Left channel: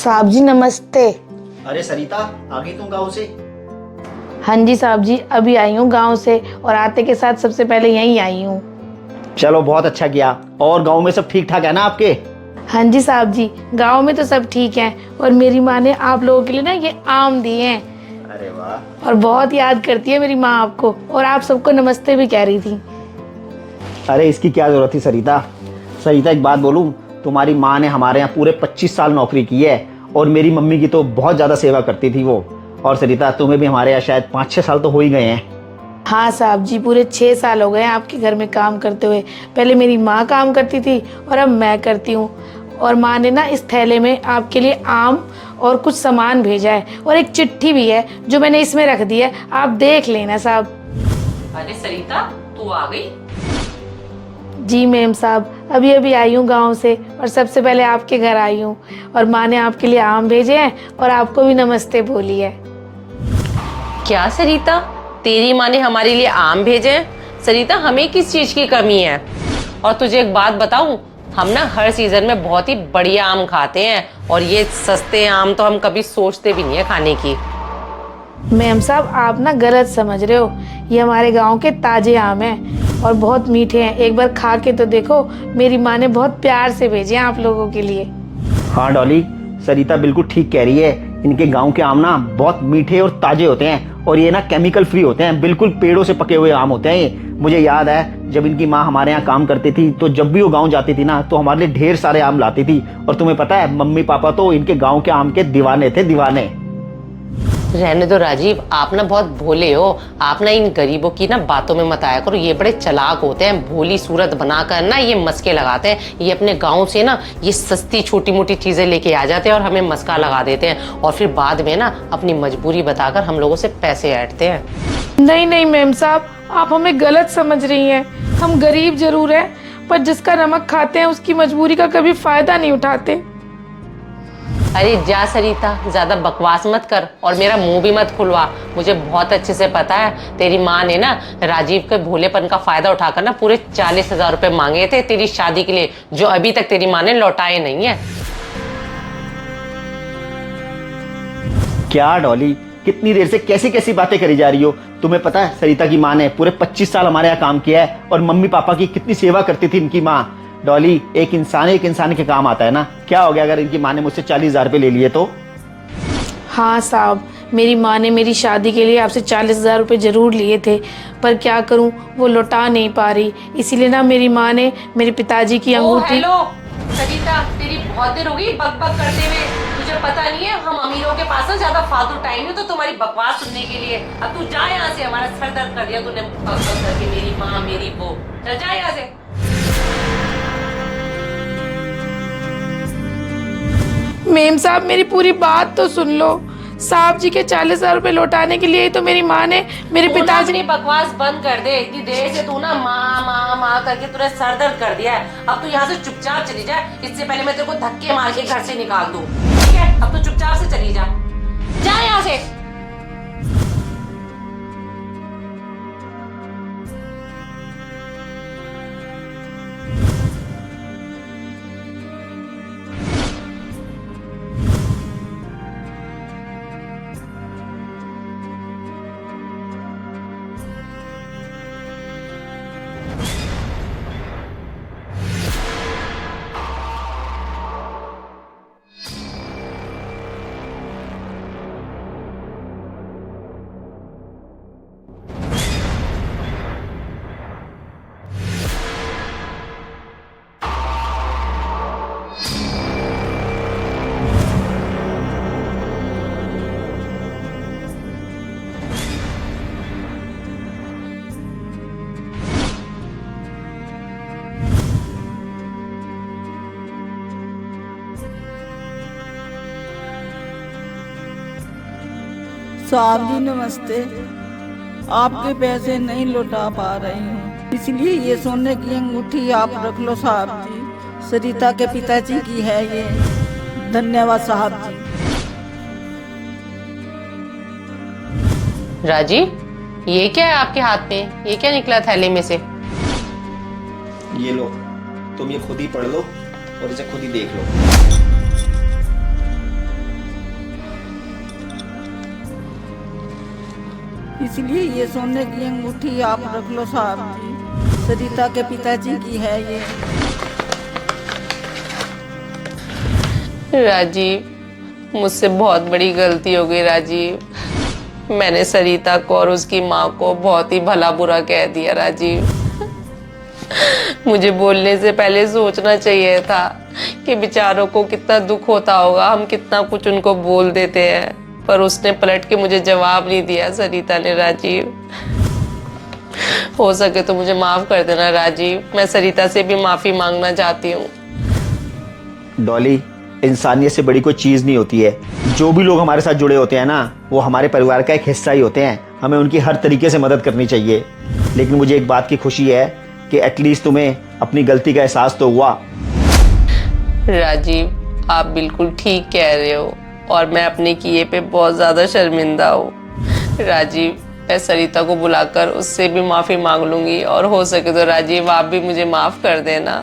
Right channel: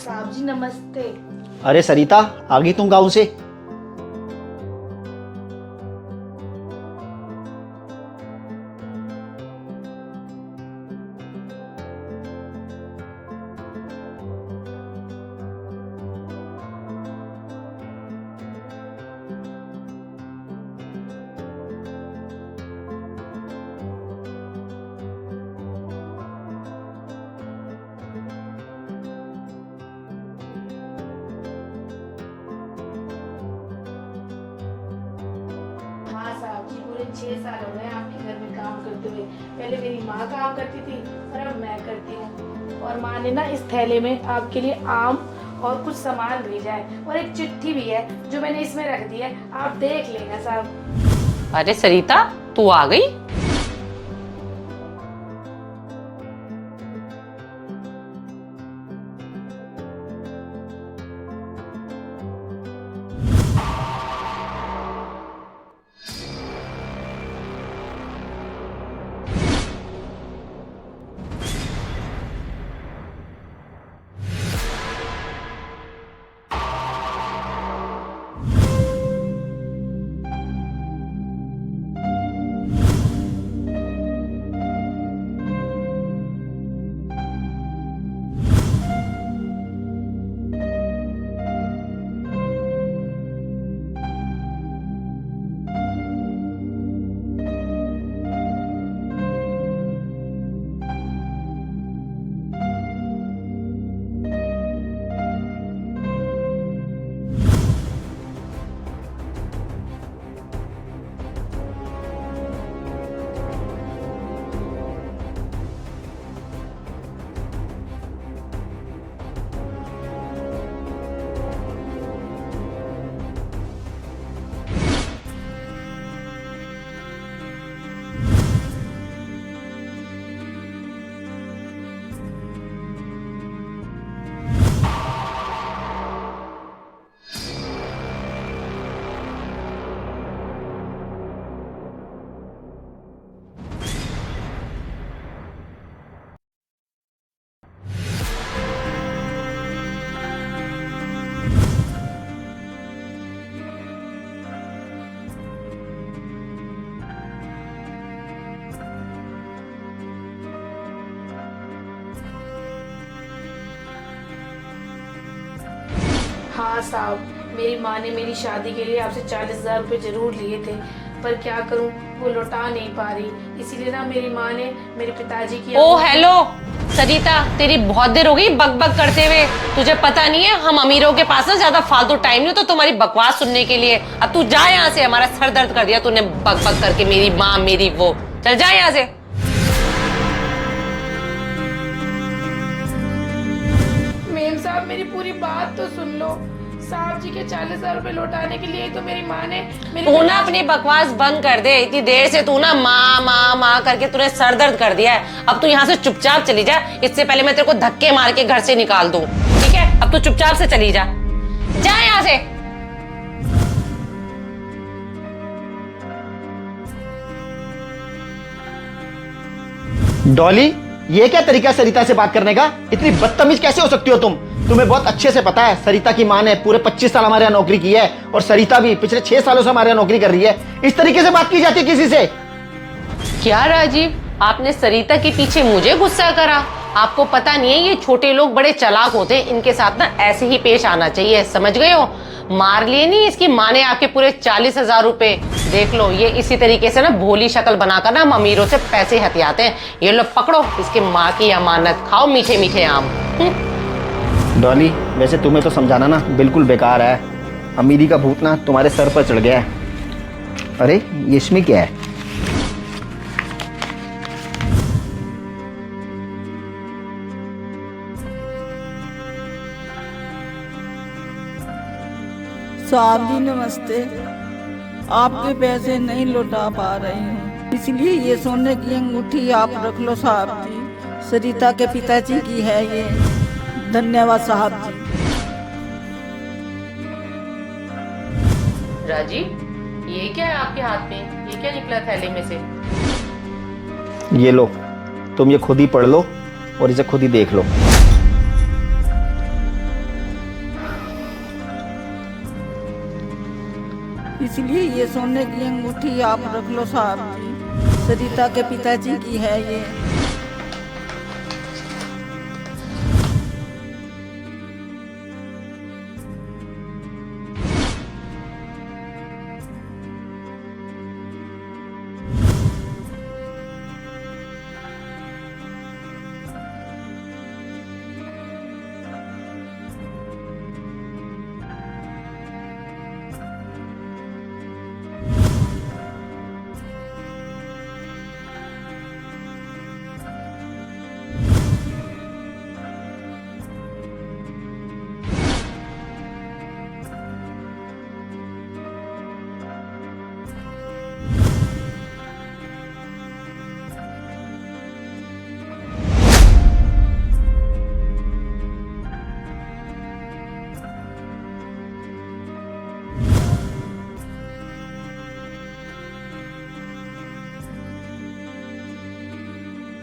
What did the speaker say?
साहब जी नमस्ते। अरे सरिता, आ गई तुम गाँव से? हाँ जी साहब जी, अभी आई हूँ गांव से और आते के साथ सबसे पहले यहीं आई हूँ। चलो बहुत अच्छा किया। और गाँव में सब ठीक ठाक है ना आपके? हाँ जी साहब जी, गांव में तो सब ठीक है और मेरी माँ ने आप लोगों के लिए ना ये आम दिए हैं। अरे वाह। और बहुत याद करती है मेरी माँ आपको, और आप सबको नमस्ते भी कह रही थी। अरे इसकी क्या जरूरत थी सरिता। सरिता एक बात बोलूं, तुम्हारी माँ ने हमारे यहाँ पूरे 25 साल नौकरी की है और मेरी मम्मी की तो बहुत ज़्यादा सेवा करती थी वो। और सरिता तुम्हें भी हमारे यहाँ शायद 5-6 साल तो हो ही गए हैं। हाँ साहब जी, पूरे 6 साल हो गए हैं आपके घर में काम करते हुए। पहले मेरी माँ काम करती थी और अब मैं करती हूँ। और माँ ने ना इस थैले में आपके लिए आम और कुछ सामान भेजा है और एक चिट्ठी भी है जो मैंने इसमें रख दी है, आप देख लेना साहब। अरे सरिता, तू आ गई? जी मैम साहब, अभी अभी आई हूँ गांव से और सबसे पहले आपके घर आई हूँ। और माँ ने आपके लिए आम भेजे हैं और आपको भी नमस्ते बोली है। क्या सरिता, तेरी माँ ने हमारे लिए आम भेजे हैं? सरिता, हमें किस चीज की कमी है? और तुझे एक बात बताऊं, हम ना हर सीजन में बहुत ही बढ़िया आम खाते हैं और ये सस्ते आम तो हम कभी सोचते भी नहीं है खाने की। मैम साहब, आप ना गलत समझ रहे हो। ये हमारे गांव के ताजे आम हैं और बहुत मीठे हैं। एक बार खा के तो देखो, मेरी माँ ने बहुत प्यार से भेजे हैं आप लोगों के लिए। हाँ डॉली, सरिता बिल्कुल ठीक कह रही है। इनके गांव के आम ना बहुत मीठे और ताजे होते हैं और ये ना केमिकल फ्री होते हैं, बिल्कुल पेड़ों से पके हुए आम होते हैं ये। मुझे याद है जब इनकी माँ हमारे यहाँ काम करती थी तो जब भी वो गांव जाती थी ना तो हमारे लिए ढेर सारे आम लाती थी। और तुम्हें पता है मम्मी पापा तो इनके गाँव के आम के दीवाने थे, दीवाने। रहने दो राजीव, आप ना बहुत भोले हो। आप ना इन गरीबों की ना बातों में मत आया करो, ये बड़े चालाक होते हैं। भोली सूरत बनाकर ना ये मस्के लगाते हैं। ये अपने गांव से ना ये सस्ती छोटी मोटी चीजें लेके आ जाते हैं और हमें मस्का लगा देते हैं और फिर बाद में ना अपनी मजबूरी बताकर हम लोगों से पैसे ऐंठते हैं। नहीं नहीं मैम साहब, आप हमें गलत समझ रही हैं। हम गरीब जरूर हैं पर जिसका नमक खाते हैं उसकी मजबूरी का कभी फायदा नहीं उठाते। अरे जा सरिता, ज्यादा बकवास मत कर और मेरा मुंह भी मत खुलवा। मुझे बहुत अच्छे से पता है तेरी माँ ने ना राजीव के भोलेपन का फायदा उठाकर ना पूरे 40,000 रुपए मांगे थे तेरी शादी के लिए, जो अभी तक तेरी माँ ने लौटाए नहीं है। क्या डॉली, कितनी देर से कैसी कैसी बातें करी जा रही हो? तुम्हें पता है सरिता की माँ ने पूरे 25 साल हमारे यहाँ काम किया है और मम्मी पापा की कितनी सेवा करती थी इनकी माँ। डॉली, एक इंसान के काम आता है ना। क्या हो गया अगर इनकी माँ ने मुझसे 40,000 रुपए ले लिए तो? हाँ साहब, मेरी माँ ने मेरी शादी के लिए आपसे 40,000 रुपये जरूर लिए थे, पर क्या करूँ वो लौटा नहीं पा रही। इसीलिए ना मेरी माँ ने मेरे पिताजी की अंगूठी। हेलो सरिता, तेरी बहुत देर हो गई बक बक करते हुए। तुझे पता नहीं है हम अमीरों के पास ना ज्यादा फालतू टाइम नहीं तो तुम्हारी बकवास सुनने के लिए। अब तू जा यहाँ से, हमारा सर दर्द कर दिया तूने बक बक करके। मेरी माँ मेरी वो, चल जा यहाँ से। मेम साहब, मेरी पूरी बात तो सुन लो। साहब जी के 40,000 रुपये लौटाने के लिए ही तो मेरी माँ ने मेरे पिताजी। अपनी बकवास बंद कर दे। इतनी देर से तू ना माँ माँ माँ करके तूने सर दर्द कर दिया है। अब तू यहाँ से चुपचाप चली जा, इससे पहले मैं तेरे को धक्के मार के घर से निकाल दूं। ठीक है, अब तू चुपचाप से चली जा, जा यहाँ से। डॉली, ये क्या तरीका सरिता से बात करने का? इतनी बदतमीज कैसे हो सकती हो तुम? तुम्हें बहुत अच्छे से पता है सरिता की माँ ने पूरे 25 साल हमारे यहाँ नौकरी की है और सरिता भी पिछले 6 सालों से हमारे यहाँ नौकरी कर रही है। इस तरीके से बात की जाती है किसी से? क्या राजीव, आपने सरिता के पीछे मुझे गुस्सा करा? आपको पता नहीं है ये छोटे लोग बड़े चालाक होते हैं, इनके साथ ना ऐसे ही पेश आना चाहिए, समझ गए हो? मार लिए नहीं इसकी माँ ने आपके पूरे 40,000 रुपए। देख लो, ये इसी तरीके से ना भोली शक्ल बनाकर ना हम अमीरों से पैसे हथियाते हैं। ये लो पकड़ो इसकी माँ की अमानत, खाओ मीठे मीठे आम। डॉली, वैसे तुम्हें तो समझाना ना बिल्कुल बेकार है। अमीरी का भूत ना तुम्हारे सर पर चढ़ गया है। अरे ये इसमें क्या है? साहब जी नमस्ते, आपके पैसे नहीं लौटा पा रही हूँ, इसलिए ये सोने की अंगूठी आप रख लो साहब जी। सरिता के पिताजी की है ये। धन्यवाद साहब जी। राजीव, ये क्या है आपके हाथ में? ये क्या निकला थैले में से? ये लो, तुम ये खुद ही पढ़ लो और इसे खुद ही देख लो। इसलिए ये सोने की अंगूठी आप रख लो साहब जी, सरिता के पिताजी की है ये। राजीव, मुझसे बहुत बड़ी गलती हो गई राजीव। मैंने सरिता को और उसकी माँ को बहुत ही भला बुरा कह दिया राजीव। मुझे बोलने से पहले सोचना चाहिए था कि बेचारों को कितना दुख होता होगा, हम कितना कुछ उनको बोल देते हैं, पर उसने पलट के मुझे जवाब नहीं दिया सरिता ने। राजीव, हो सके तो मुझे माफ कर देना राजीव, मैं सरिता से भी माफी मांगना चाहती हूँ। डॉली, इंसानियत से बड़ी कोई चीज़ नहीं होती है। जो भी लोग हमारे साथ जुड़े होते हैं ना, वो हमारे परिवार का एक हिस्सा ही होते हैं। हमें उनकी हर तरीके से मदद करनी चाहिए। लेकिन मुझे एक बात की खुशी है कि एटलीस्ट तुम्हें अपनी गलती का एहसास तो हुआ। राजीव, आप बिल्कुल ठीक कह रहे हो और मैं अपने किए पे बहुत ज़्यादा शर्मिंदा हूँ। राजीव, मैं सरिता को बुलाकर उससे भी माफ़ी मांग लूँगी और हो सके तो राजीव आप भी मुझे माफ़ कर देना।